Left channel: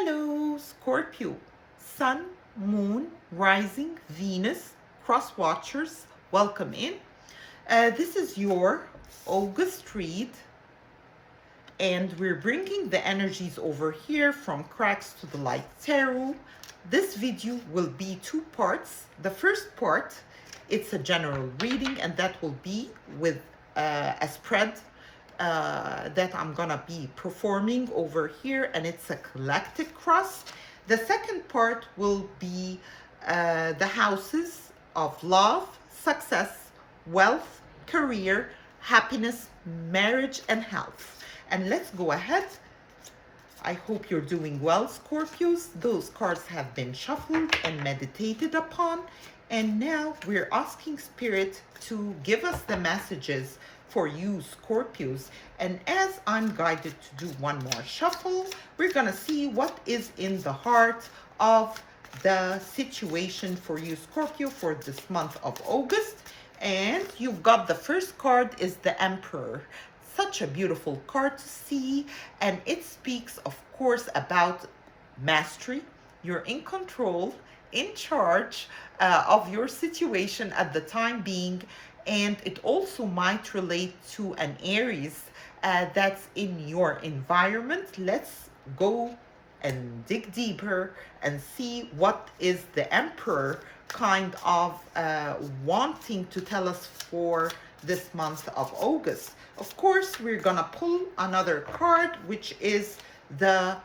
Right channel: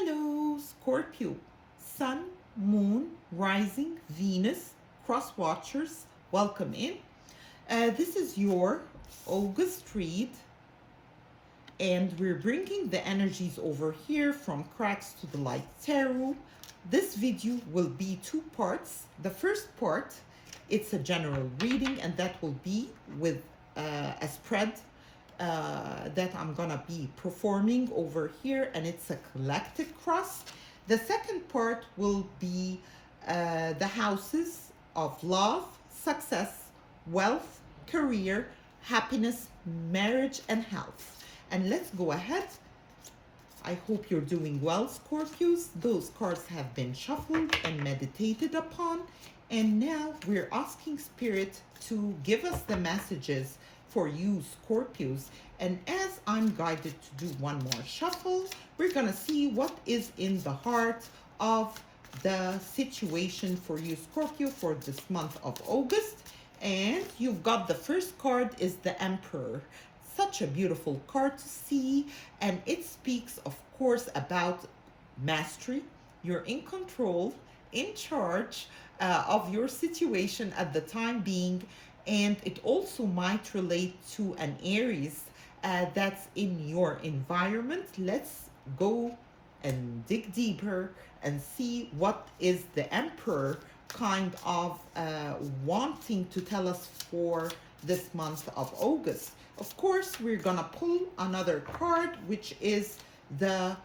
Hello, Scorpio, Sun, Moon, Rising, Venus, Cross Watchers, welcome in. This is your August read, and we're bringing the energies over here from Cracks to the Light Tarot. This video will be two parts. The first part, it's a general reading, and that will be with a spread that I'm gonna be performing over here, and it's a collective cross. The second part will be the houses of love, success, wealth, career, happiness, marriage, and health. And let's go ahead. I hope you're doing well, Scorpios. Those cards have been shuffled and meditated upon, and now we're asking Spirit to give us the messages for you, Scorpios. And as I'm guided to do one more shuffle, we're gonna see what is in the heart of the situation for you, Scorpio, for this month of August. And you've got the first card is the Emperor. Such a beautiful card to see, and it speaks, of course, about mastery. You're in control, in charge of your situation at the time being, and it also might relate to an Aries that's in your environment. Let's go and dig deeper and see what is the Emperor kind of wanting to tell us for this month of August. Of course, we're gonna pull another card, which is the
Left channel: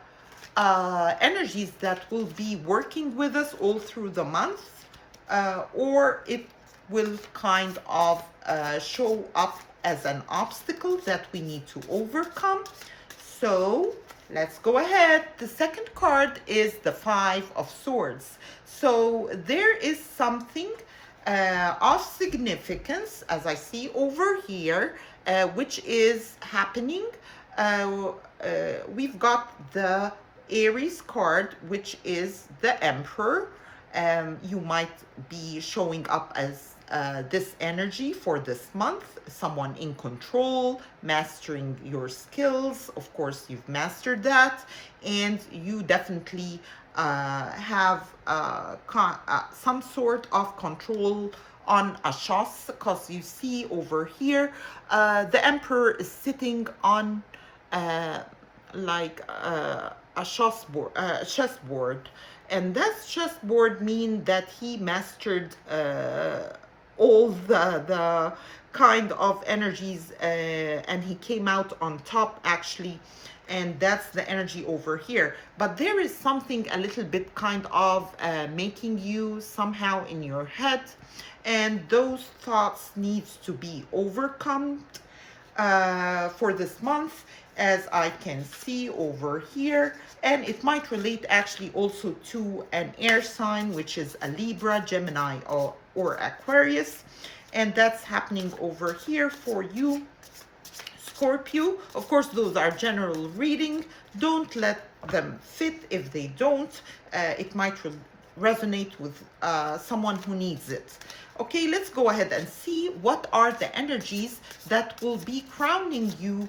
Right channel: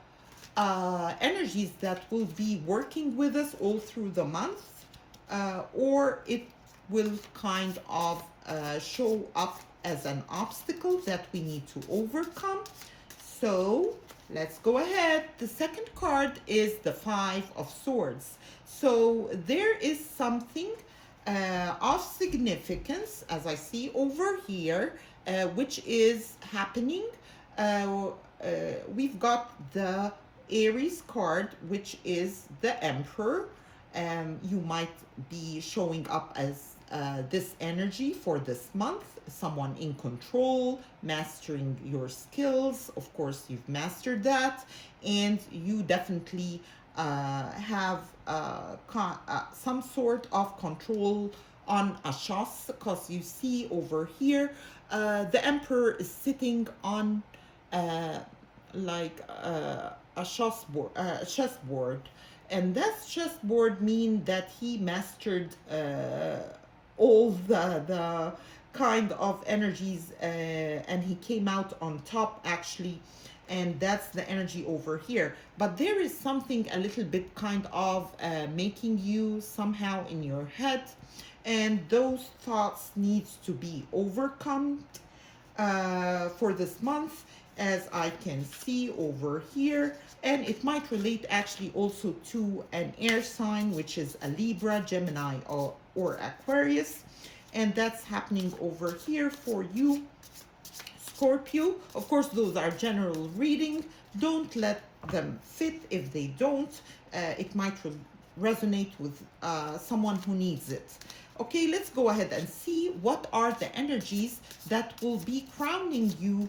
energies that will be working with us all through the month, or it will kind of show up as an obstacle that we need to overcome. So let's go ahead. The second card is the Five of Swords. So there is something of significance, as I see over here, which is happening. We've got the Aries card, which is the Emperor. You might be showing up as this energy for this month, someone in control, mastering your skills. Of course, you've mastered that, and you definitely have some sort of control on a chasse, because you see over here the Emperor is sitting on like a chessboard, and that chessboard means that he mastered all the kind of energies, and he came out on top actually, and that's the energy over here. But there is something a little bit kind of making you somehow in your head, and those thoughts needs to be overcome for this month, as I can see over here. And it might relate actually also to an air sign, which is a Libra, Gemini, or Aquarius. And that's happening over here for you, Scorpio. Of course, those are general reading. Don't let them fit if they don't. It might resonate with someone who needs it. Okay, let's go ahead and see what are the energies that will be crowning you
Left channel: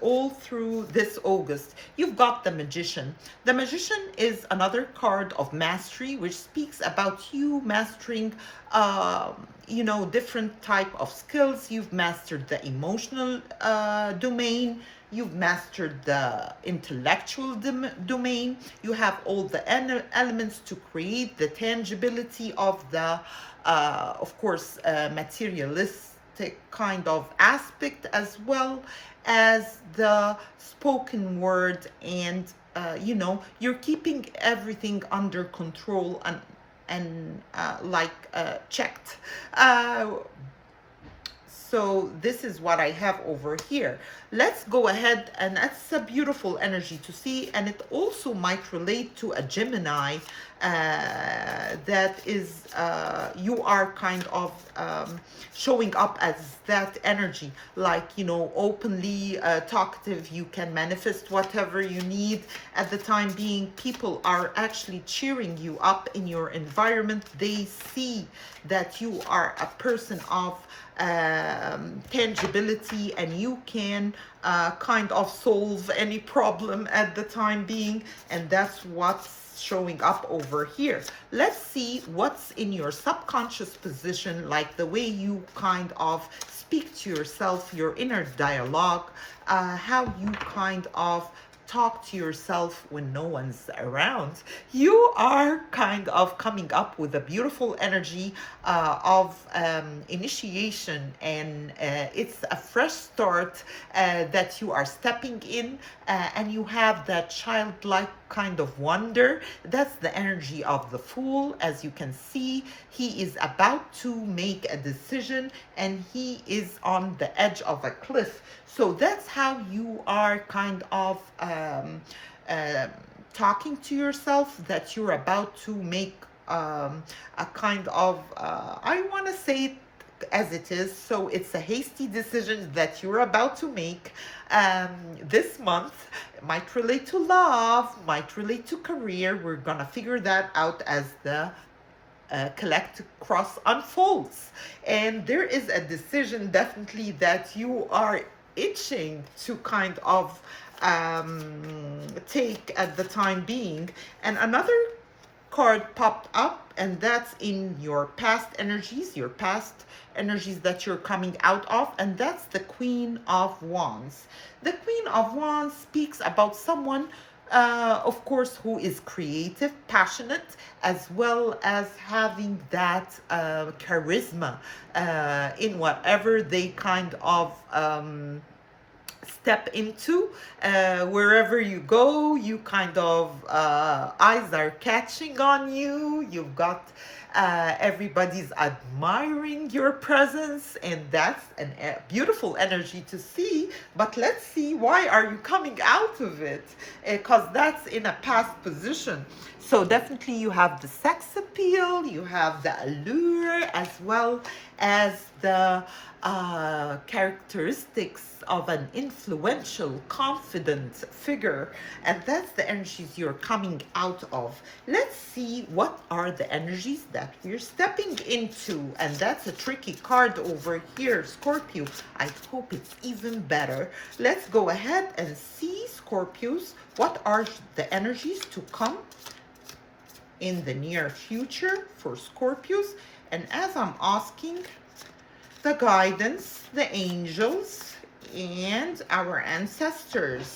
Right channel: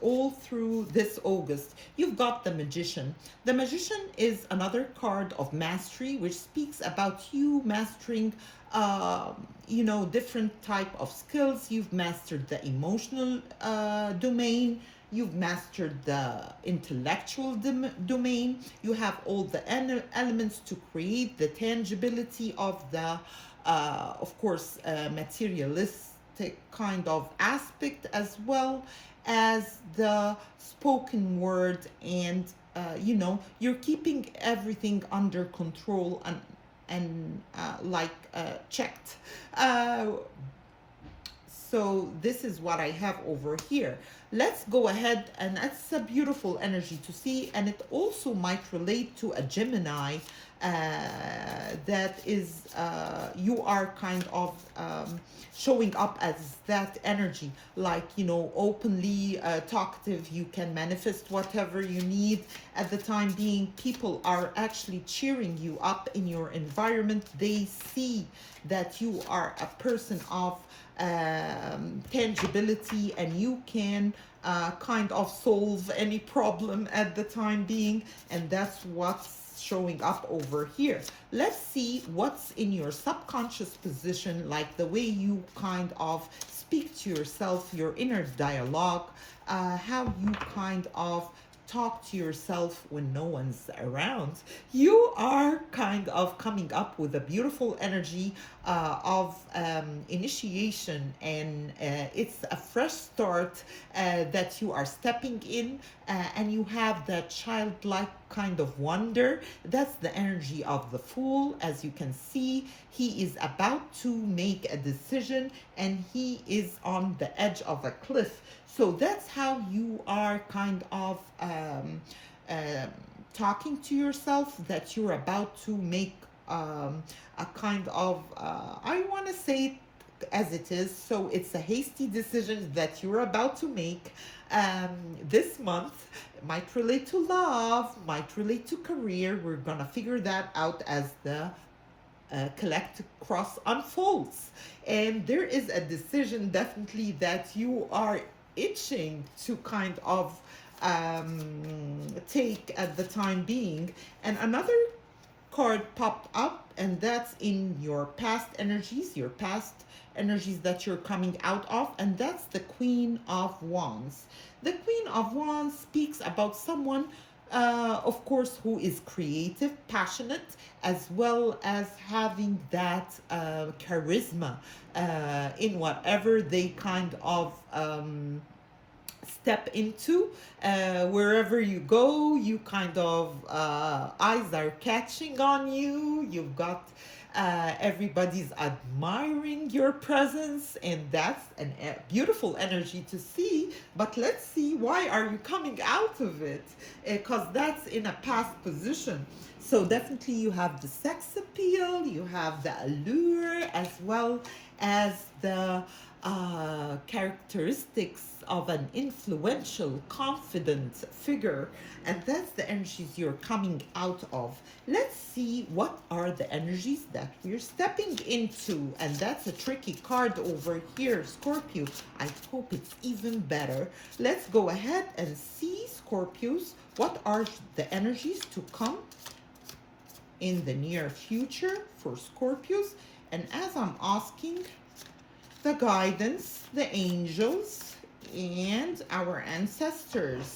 all through this August. You've got the Magician. The Magician is another card of mastery, which speaks about you mastering different type of skills. You've mastered the emotional domain. You've mastered the intellectual domain. You have all the elements to create the tangibility of the of course materialistic kind of aspect, as well as the spoken word, and you're keeping everything under control and checked. So this is what I have over here. Let's go ahead, and that's a beautiful energy to see, and it also might relate to a Gemini that is you are kind of showing up as that energy, like openly talkative. You can manifest whatever you need at the time being. People are actually cheering you up in your environment. They see that you are a person of tangibility, and you can kind of solve any problem at the time being, and that's what's showing up over here. Let's see what's in your subconscious position, like the way you kind of speak to yourself, your inner dialogue, how you kind of talk to yourself when no one's around. You are kind of coming up with a beautiful energy of initiation, and it's a fresh start that you are stepping in, and you have that childlike kind of wonder. That's the energy of the Fool. As you can see, he is about to make a decision, and he is on the edge of a cliff. So that's how you are kind of talking to yourself, that you're about to make a kind of, I want to say it as it is, so it's a hasty decision that you're about to make this month. It might relate to love, might relate to career. We're going to figure that out as the collective cross unfolds. And there is a decision definitely that you are itching to kind of take at the time being. And another card popped up, and that's in your past energies that you're coming out of, and that's the Queen of Wands. The Queen of Wands speaks about someone, of course, who is creative, passionate, as well as having that charisma in whatever they kind of step into. Wherever you go, you kind of eyes are catching on you. You've got everybody's admiring your presence, and that's a beautiful energy to see. But let's see, why are you coming out of it? Because that's in a past position. So definitely you have the sex appeal, you have the allure, as well as the characteristics of an influential, confident figure, and that's the energies you're coming out of. Let's see what are the energies that we're stepping into, and that's a tricky card over here, Scorpio. I hope it's even better. Let's go ahead and see, Scorpios, what are the energies to come in the near future for Scorpios. And as I'm asking the guidance, the angels, and our ancestors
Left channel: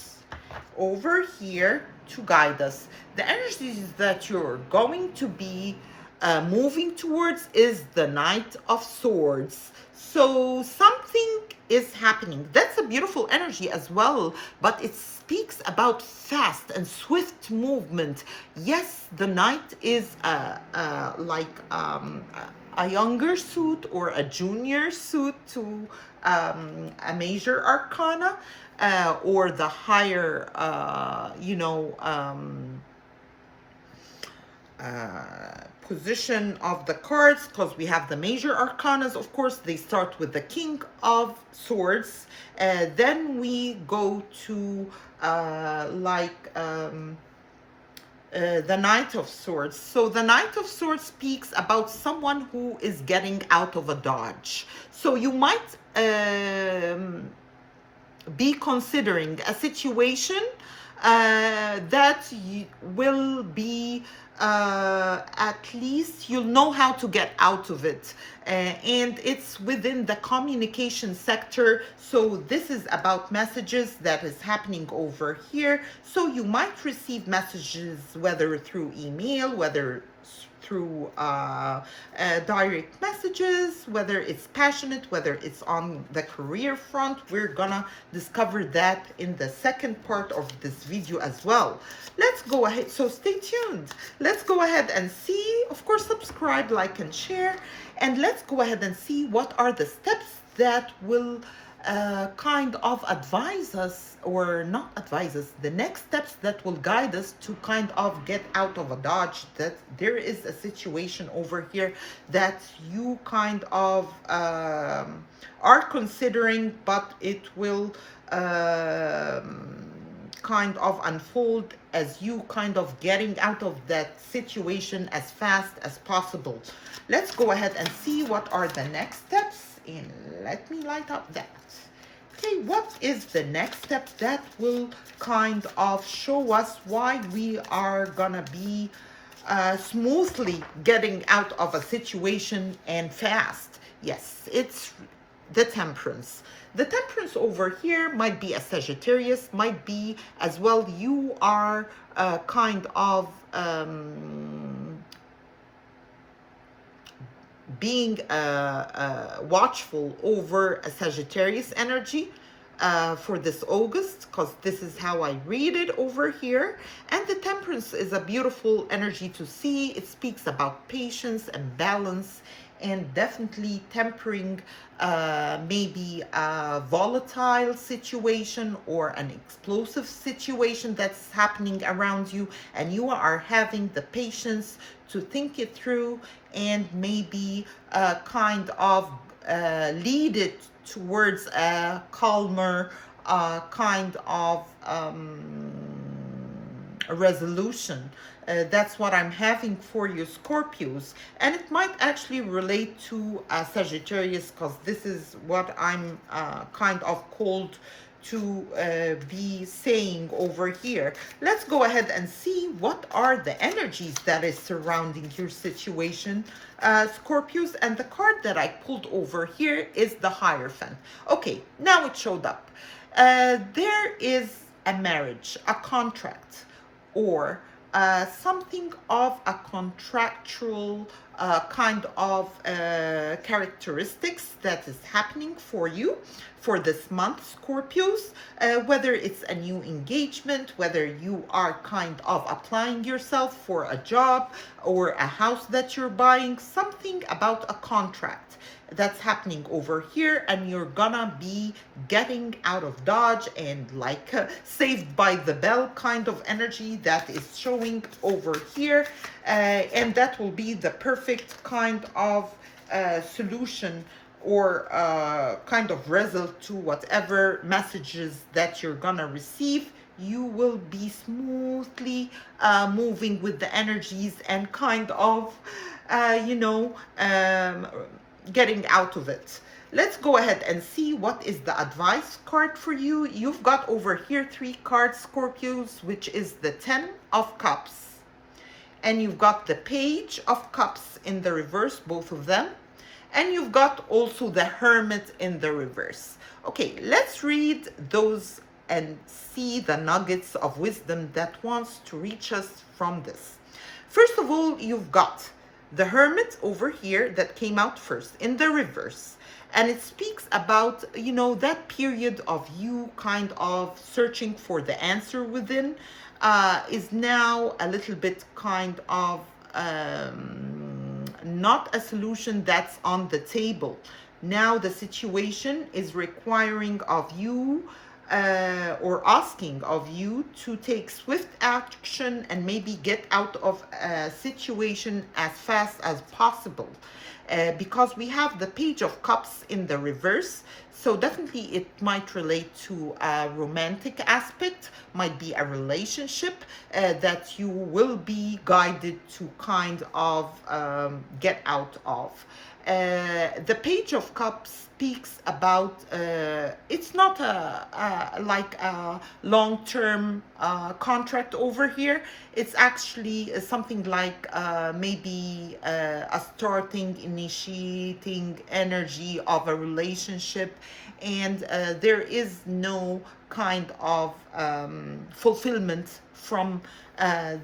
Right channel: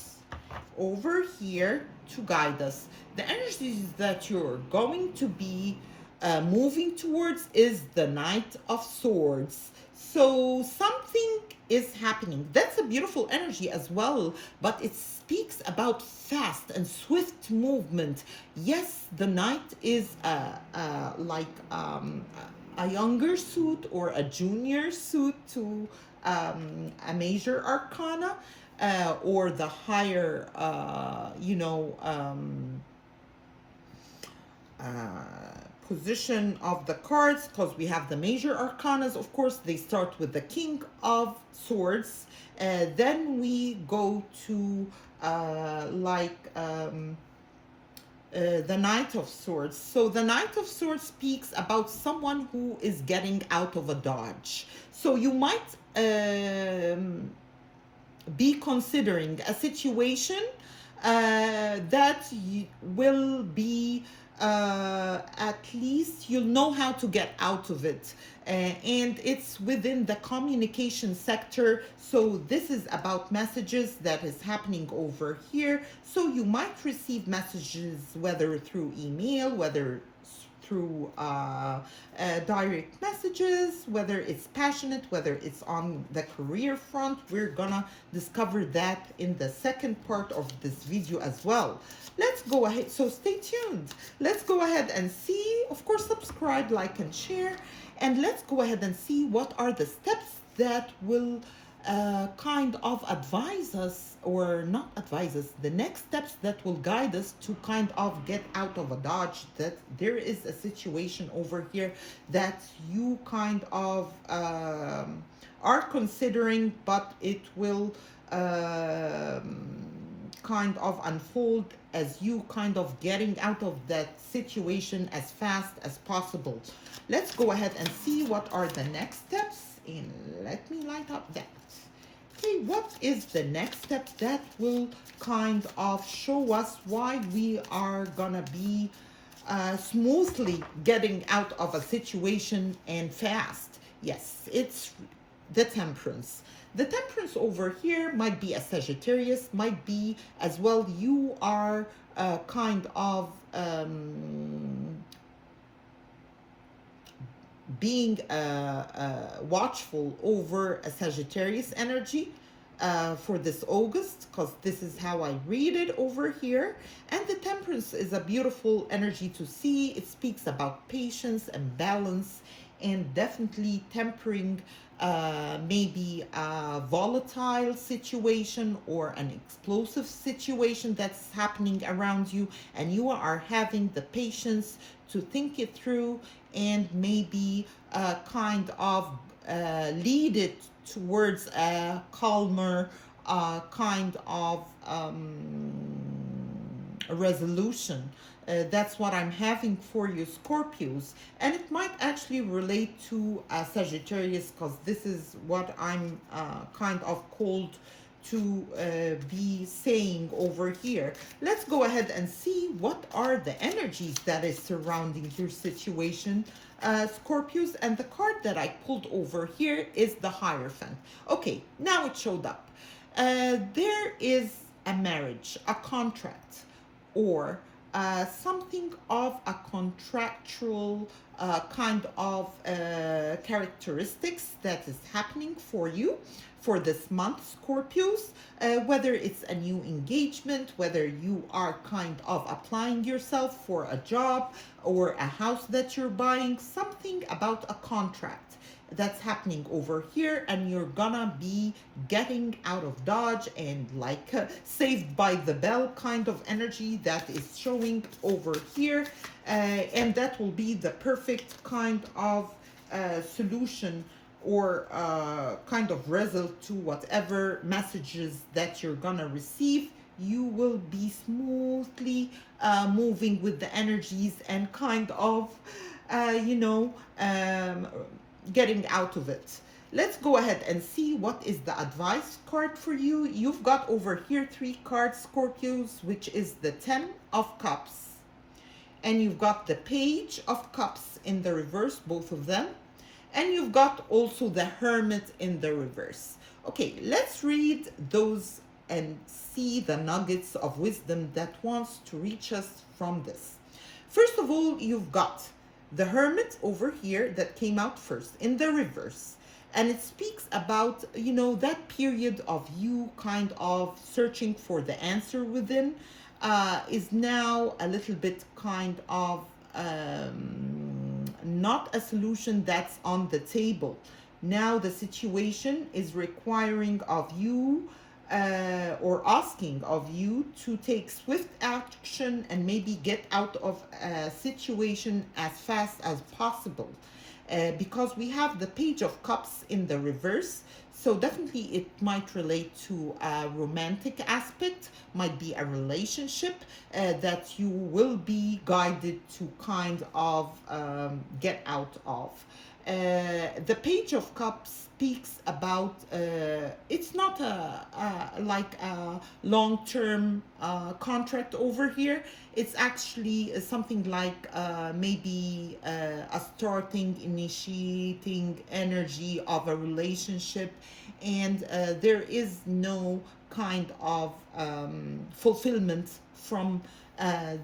over here to guide us, the energies that you're going to be moving towards is the Knight of Swords. So something is happening. That's a beautiful energy as well, but it speaks about fast and swift movement. Yes, the Knight is like a younger suit or a junior suit to a major arcana, or the higher, position of the cards, because we have the major arcanas. Of course, they start with the King of Swords, then we go to the Knight of Swords. So the Knight of Swords speaks about someone who is getting out of a dodge. So you might be considering a situation that will be at least you'll know how to get out of it, and it's within the communication sector. So this is about messages that is happening over here. So you might receive messages, whether through email, whether through direct messages, whether it's passionate, whether it's on the career front. We're gonna discover that in the second part of this video as well. Let's go ahead, so stay tuned. Let's go ahead and see, of course, subscribe, like, and share, and let's go ahead and see what are the steps that will kind of advise us, or not advise us, the next steps that will guide us to kind of get out of a dodge. That there is a situation over here that you kind of are considering, but it will kind of unfold as you kind of getting out of that situation as fast as possible. Let's go ahead and see what are the next steps, and let me light up that. Okay, what is the next step that will kind of show us why we are gonna be smoothly getting out of a situation and fast? Yes, it's the temperance. The temperance over here might be a Sagittarius, might be as well you are kind of being watchful over a Sagittarius energy for this August, because this is how I read it over here. And the temperance is a beautiful energy to see. It speaks about patience and balance, and definitely tempering maybe a volatile situation or an explosive situation that's happening around you, and you are having the patience to think it through and maybe kind of lead it towards a calmer kind of a resolution. That's what I'm having for you, Scorpios. And it might actually relate to Sagittarius, because this is what I'm kind of called to be saying over here. Let's go ahead and see what are the energies that is surrounding your situation, Scorpios. And the card that I pulled over here is the Hierophant. Okay, now it showed up. There is a marriage, a contract, or something of a contractual kind of characteristics that is happening for you for this month, Scorpios. Whether it's a new engagement, whether you are kind of applying yourself for a job or a house that you're buying, something about a contract that's happening over here, and you're gonna be getting out of Dodge and like saved by the bell kind of energy that is showing over here, and that will be the perfect kind of solution or kind of result to whatever messages that you're gonna receive. You will be smoothly moving with the energies and kind of getting out of it. Let's go ahead and see what is the advice card for you. You've got over here 3 cards, Scorpios, which is the 10 of Cups, and you've got the Page of Cups in the reverse, both of them, and you've got also the Hermit in the reverse. Okay, let's read those and see the nuggets of wisdom that wants to reach us from this. First of all, you've got the Hermit over here that came out first in the reverse, and it speaks about that period of you kind of searching for the answer within is now a little bit kind of not a solution that's on the table. Now the situation is requiring of you or asking of you to take swift action and maybe get out of a situation as fast as possible, because we have the Page of Cups in the reverse. So definitely it might relate to a romantic aspect, might be a relationship that you will be guided to kind of get out of. The Page of Cups speaks about it's not like a long-term contract over here. It's actually something like maybe a starting, initiating energy of a relationship, and there is no kind of fulfillment from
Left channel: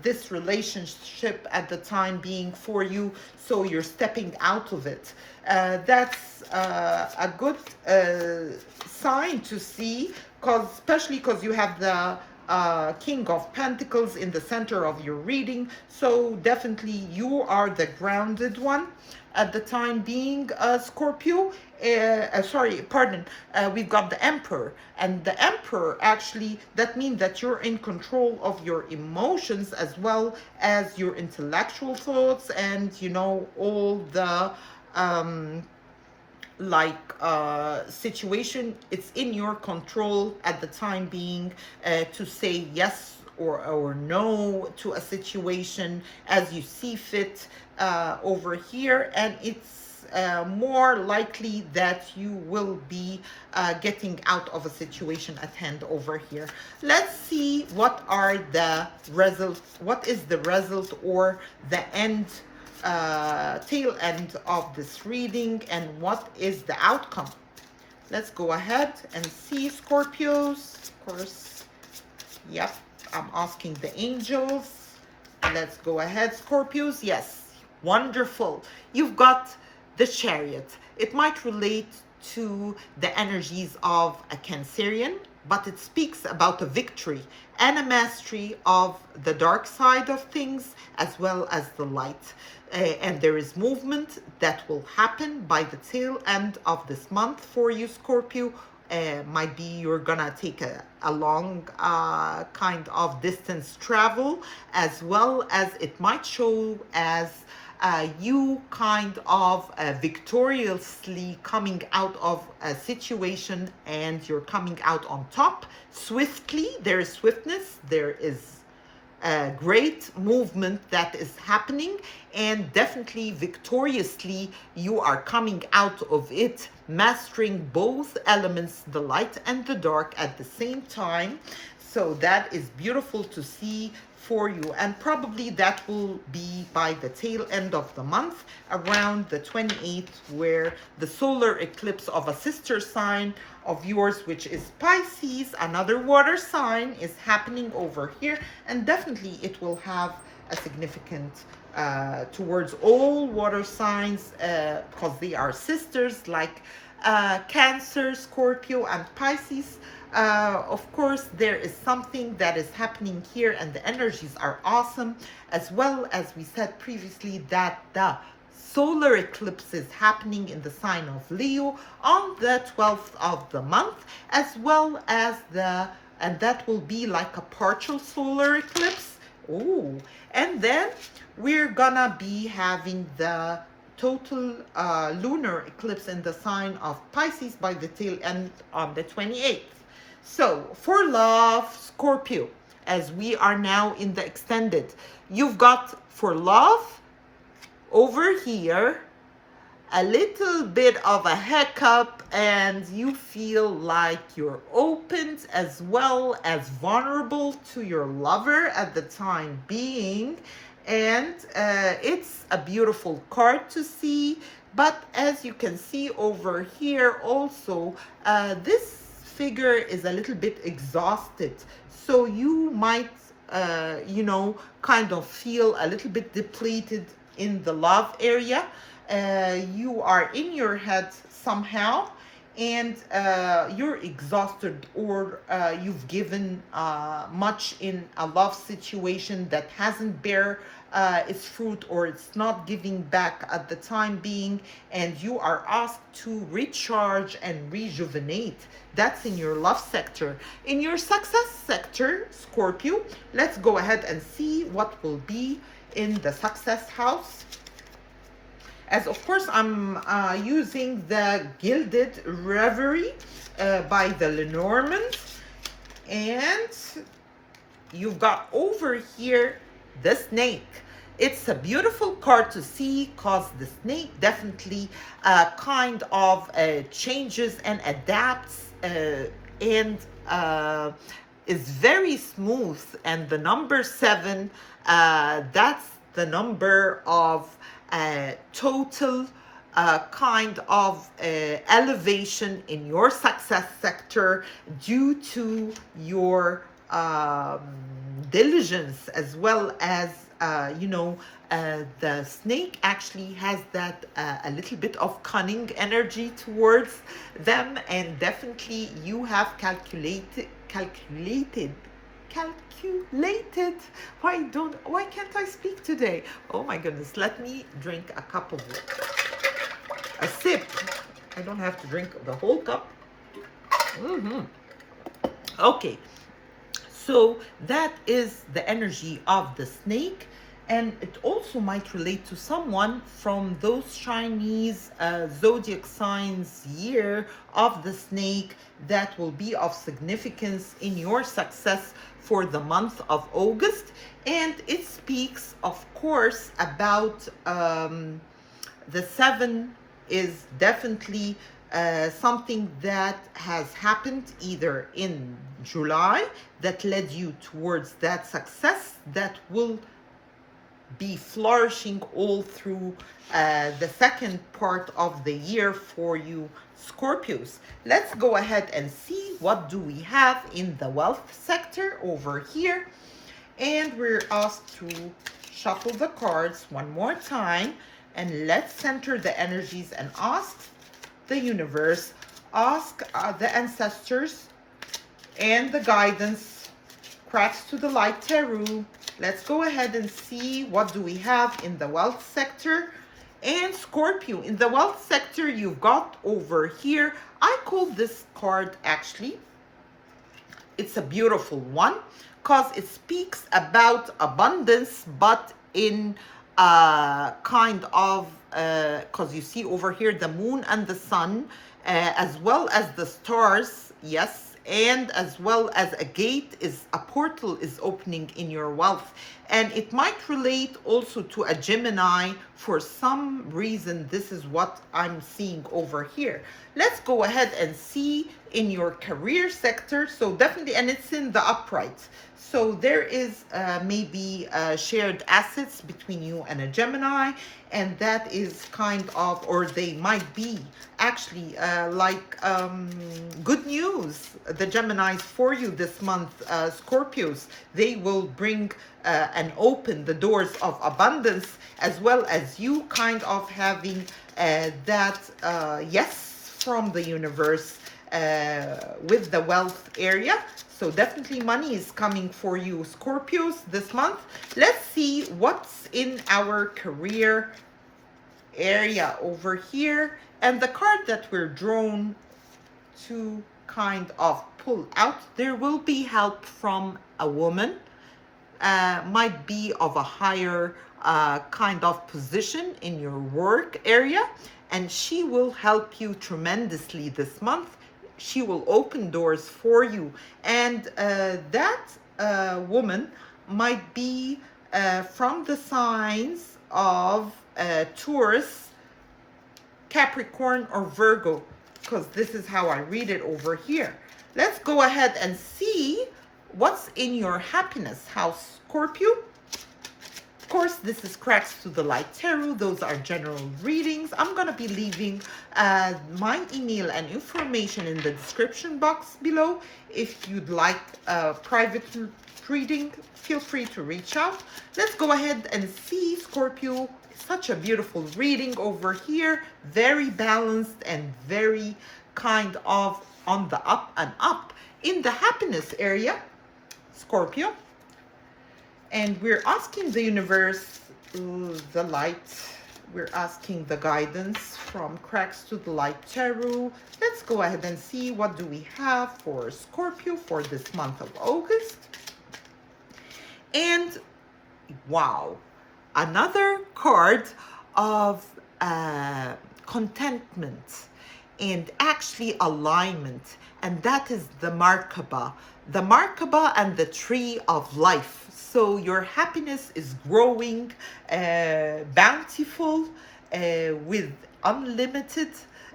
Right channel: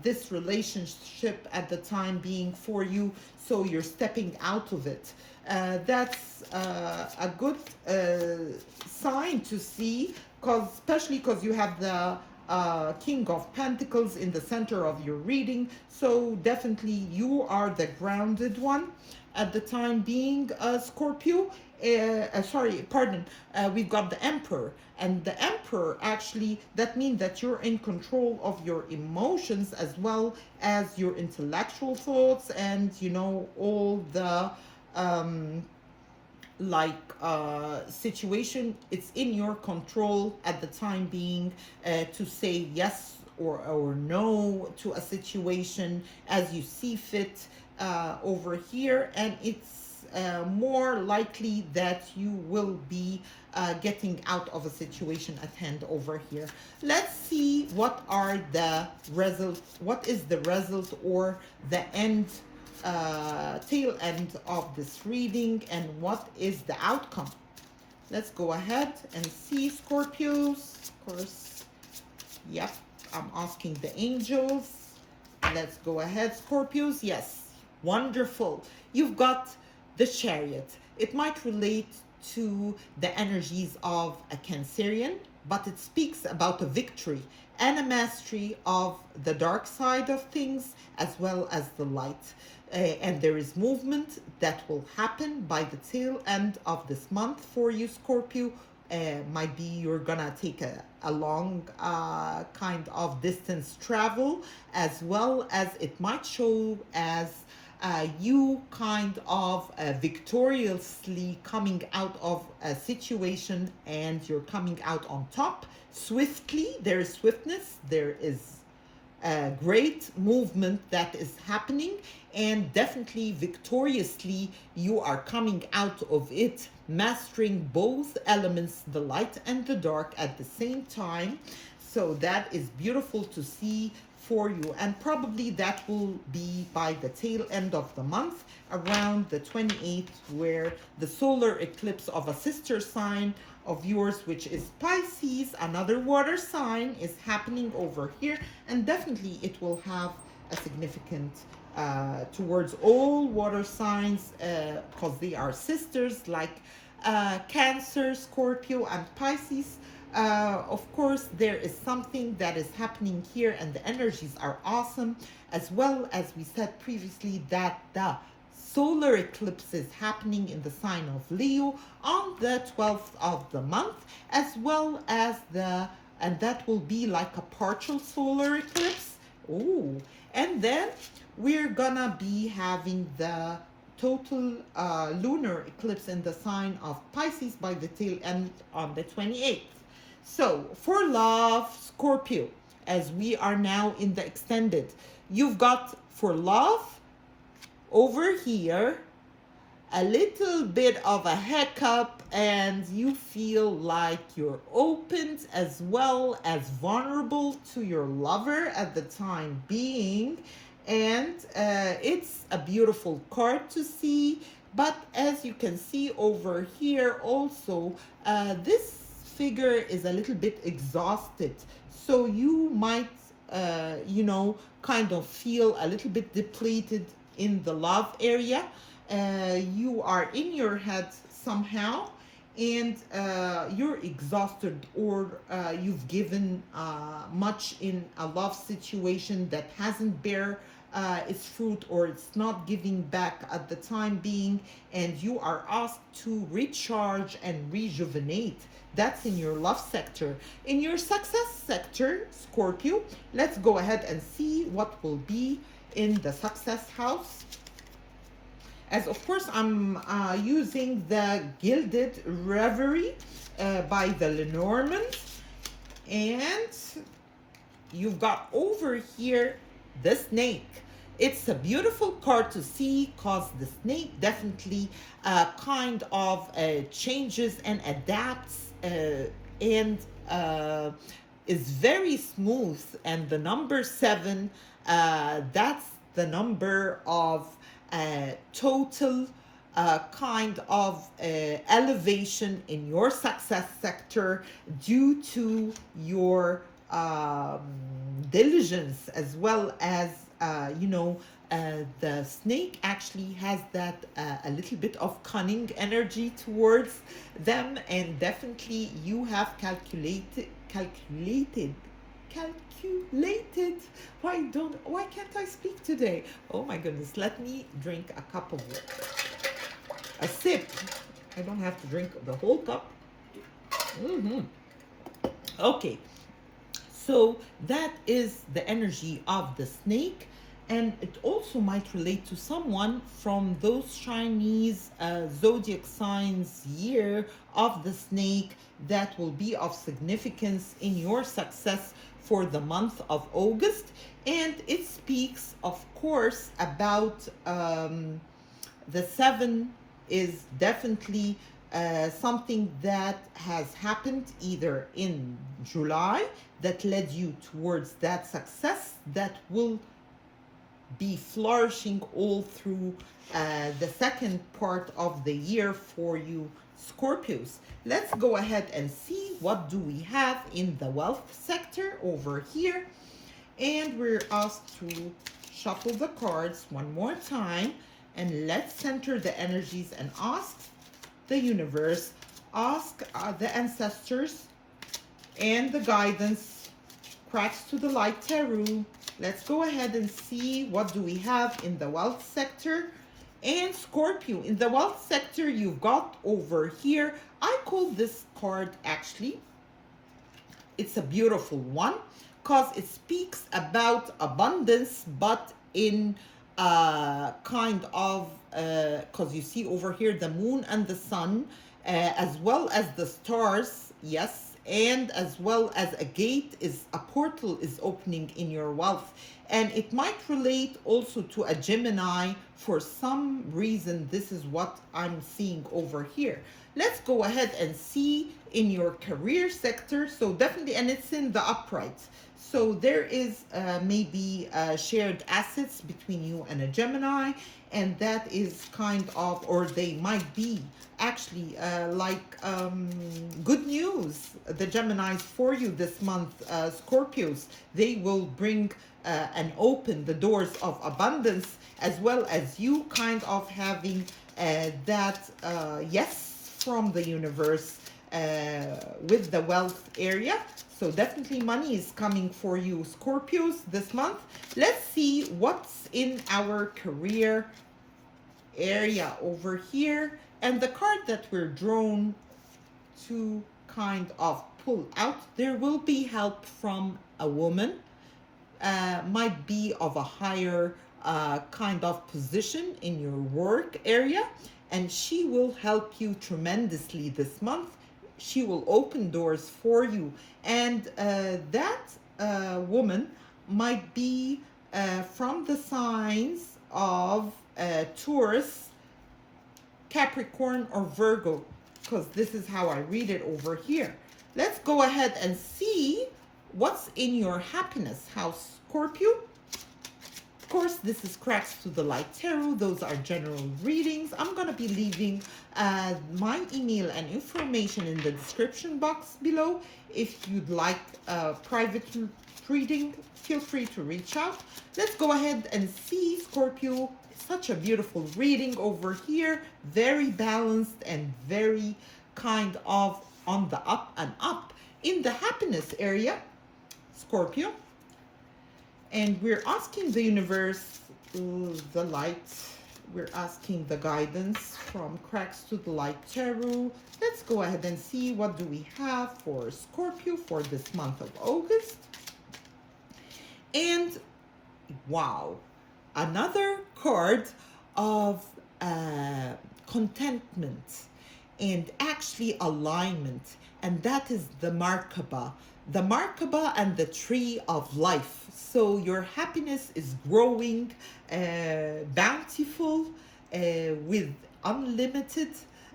this relationship at the time being for you, so you're stepping out of it. That's a good sign to see, especially because you have the King of Pentacles in the center of your reading. So definitely you are the grounded one at the time being, Scorpio. We've got the Emperor, and the Emperor actually, that means that you're in control of your emotions as well as your intellectual thoughts, and all the situation. It's in your control at the time being to say yes or no to a situation as you see fit over here, and it's more likely that you will be getting out of a situation at hand over here. Let's see what are the results, what is the result or the end, tail end of this reading, and what is the outcome. Let's go ahead and see, Scorpios. Of course, yep, I'm asking the angels. Let's go ahead, Scorpios. Yes, wonderful. You've got the Chariot. It might relate to the energies of a Cancerian, but it speaks about a victory and a mastery of the dark side of things as well as the light. And there is movement that will happen by the tail end of this month for you, Scorpio. Might be you're gonna take a long kind of distance travel, as well as it might show as you kind of victoriously coming out of a situation, and you're coming out on top swiftly. There is swiftness, there is a great movement that is happening, and definitely victoriously you are coming out of it, mastering both elements, the light and the dark, at the same time. So that is beautiful to see for you, and probably that will be by the tail end of the month, around the 28th, where the solar eclipse of a sister sign of yours, which is Pisces, another water sign, is happening over here. And definitely it will have a significant towards all water signs, because they are sisters, like Cancer, Scorpio, and Pisces. Of course, there is something that is happening here, and the energies are awesome, as well as we said previously that the solar eclipse is happening in the sign of Leo on the 12th of the month, as well as and that will be like a partial solar eclipse. Oh, and then we're gonna be having the total lunar eclipse in the sign of Pisces by the tail end on the 28th. So for love, Scorpio, as we are now in the extended, you've got for love over here a little bit of a hiccup, and you feel like you're opened as well as vulnerable to your lover at the time being. And it's a beautiful card to see, but as you can see over here also, this figure is a little bit exhausted, so you might kind of feel a little bit depleted in the love area. You are in your head somehow, and you're exhausted, or you've given much in a love situation that hasn't bear its fruit, or it's not giving back at the time being, and you are asked to recharge and rejuvenate. That's in your love sector. In your success sector, Scorpio, let's go ahead and see what will be in the success house. As of course, I'm using the Gilded Reverie by the Lenormand. And you've got over here the snake. It's a beautiful card to see, because the snake definitely kind of changes and adapts, and is very smooth. And the number 7, that's the number of total kind of elevation in your success sector, due to your diligence, as well as the snake actually has that a little bit of cunning energy towards them, and definitely you have calculated. Why can't I speak today? Oh my goodness, let me drink a cup of a sip. I don't have to drink the whole cup. Okay, so that is the energy of the snake, and it also might relate to someone from those Chinese zodiac signs year of the snake that will be of significance in your success for the month of August. And it speaks, of course, about the 7 is definitely something that has happened either in July that led you towards that success that will be flourishing all through the second part of the year for you Scorpios. Let's go ahead and see what do we have in the wealth sector over here. And we're asked to shuffle the cards one more time, and let's center the energies and ask the universe, ask the ancestors and the guidance, cracks to the light tarot. Let's go ahead and see what do we have in the wealth sector. And Scorpio, in the wealth sector, you've got over here, I call this card actually, it's a beautiful one because it speaks about abundance, but in kind of, because you see over here the moon and the sun, as well as the stars, yes, and as well as a portal is opening in your wealth. And it might relate also to a Gemini. For some reason, this is what I'm seeing over here. Let's go ahead and see in your career sector. So definitely, and it's in the upright. So there is maybe shared assets between you and a Gemini, and that is kind of, or they might be actually like good news, the Geminis for you this month, Scorpios. They will bring and open the doors of abundance, as well as you kind of having that yes from the universe with the wealth area. So definitely money is coming for you Scorpios this month. Let's see what's in our career area over here. And the card that we're drawn to kind of pull out, there will be help from a woman, might be of a higher kind of position in your work area, and she will help you tremendously this month. She will open doors for you, and that woman might be from the signs of Taurus, Capricorn, or Virgo, because this is how I read it over here. Let's go ahead and see what's in your happiness house, Scorpio. Of course, this is Cracks to the Light Tarot. Those are general readings. I'm going to be leaving my email and information in the description box below. If you'd like a private reading, feel free to reach out. Let's go ahead and see, Scorpio. Such a beautiful reading over here. Very balanced and very kind of on the up and up. In the happiness area, Scorpio. And we're asking the universe, the light, we're asking the guidance from Cracks to the Light Tarot. Let's go ahead and see what do we have for Scorpio for this month of August. And wow, another card of contentment and actually alignment, and that is the Merkaba and the tree of life. So your happiness is growing, bountiful, with unlimited,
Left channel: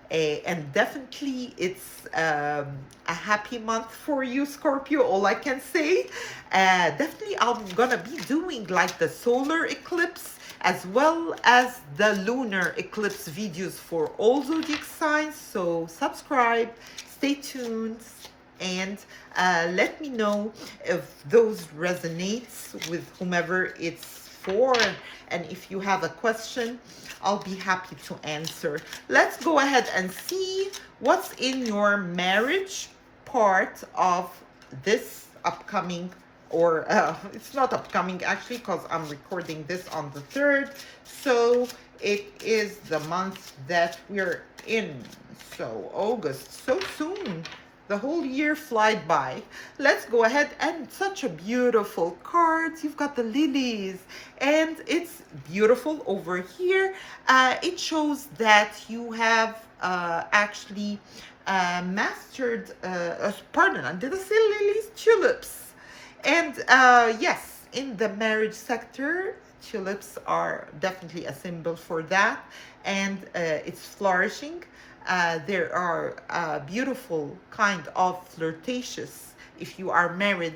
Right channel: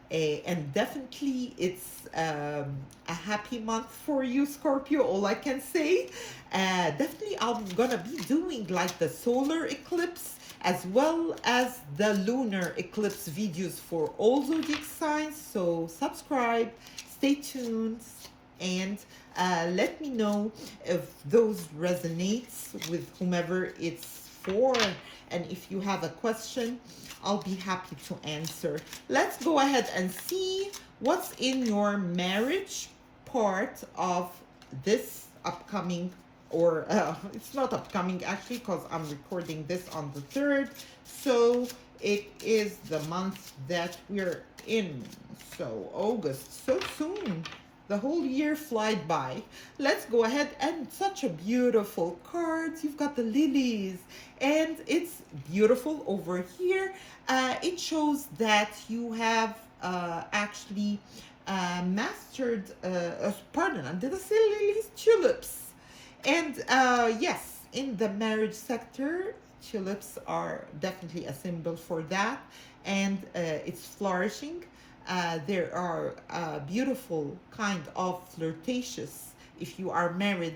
and definitely it's a happy month for you, Scorpio. All I can say, definitely I'm gonna be doing like the solar eclipse as well as the lunar eclipse videos for all zodiac signs. So subscribe, stay tuned, and let me know if those resonates with whomever it's for. And if you have a question, I'll be happy to answer. Let's go ahead and see what's in your marriage part of this upcoming, or it's not upcoming actually, because I'm recording this on the 3rd. So it is the month that we're in. So August, so soon. The whole year flied by. Let's go ahead, and such a beautiful cards. You've got the lilies, and it's beautiful over here. It shows that you have actually mastered, pardon, did I say lilies? Tulips. And yes, in the marriage sector, Tulips are definitely a symbol for that, and it's flourishing. There are beautiful kind of flirtatious, if you are married,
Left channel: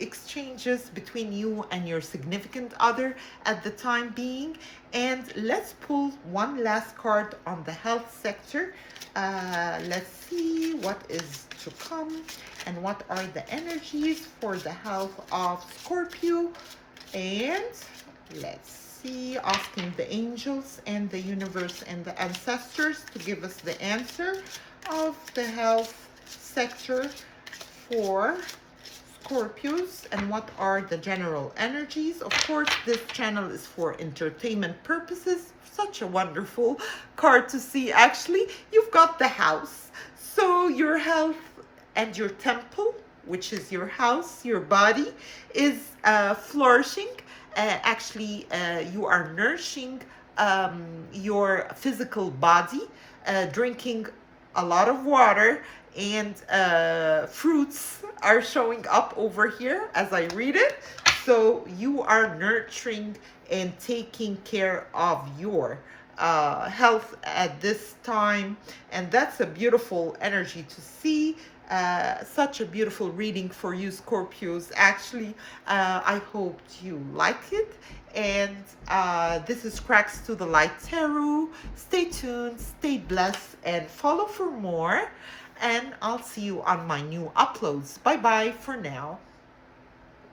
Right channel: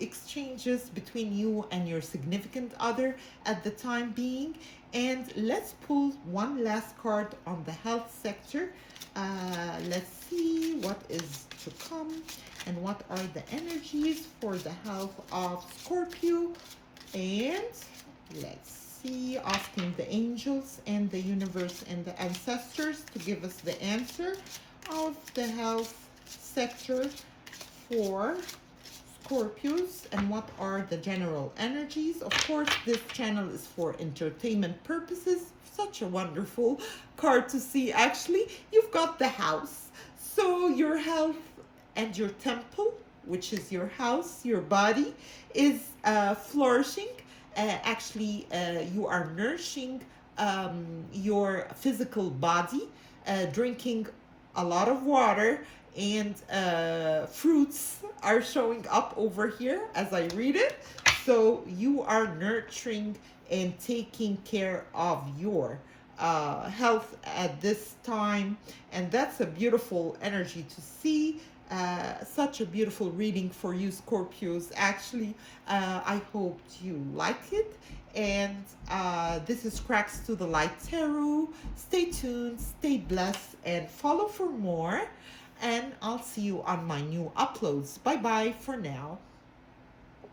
exchanges between you and your significant other at the time being. And let's pull one last card on the health sector. Let's see what is to come and what are the energies for the health of Scorpio. And let's see, asking the angels and the universe and the ancestors to give us the answer of the health sector for Scorpios and what are the general energies. Of course, this channel is for entertainment purposes. Such a wonderful card to see. Actually, you've got the house. So your health and your temple, which is your house, your body, is flourishing. You are nourishing your physical body, drinking a lot of water, and fruits are showing up over here as I read it. So you are nurturing and taking care of your health at this time, and that's a beautiful energy to see. Such a beautiful reading for you, Scorpios. Actually, I hope you like it. And this is Cracks to the Light Tarot. Stay tuned, stay blessed, and follow for more. And I'll see you on my new uploads. Bye bye for now.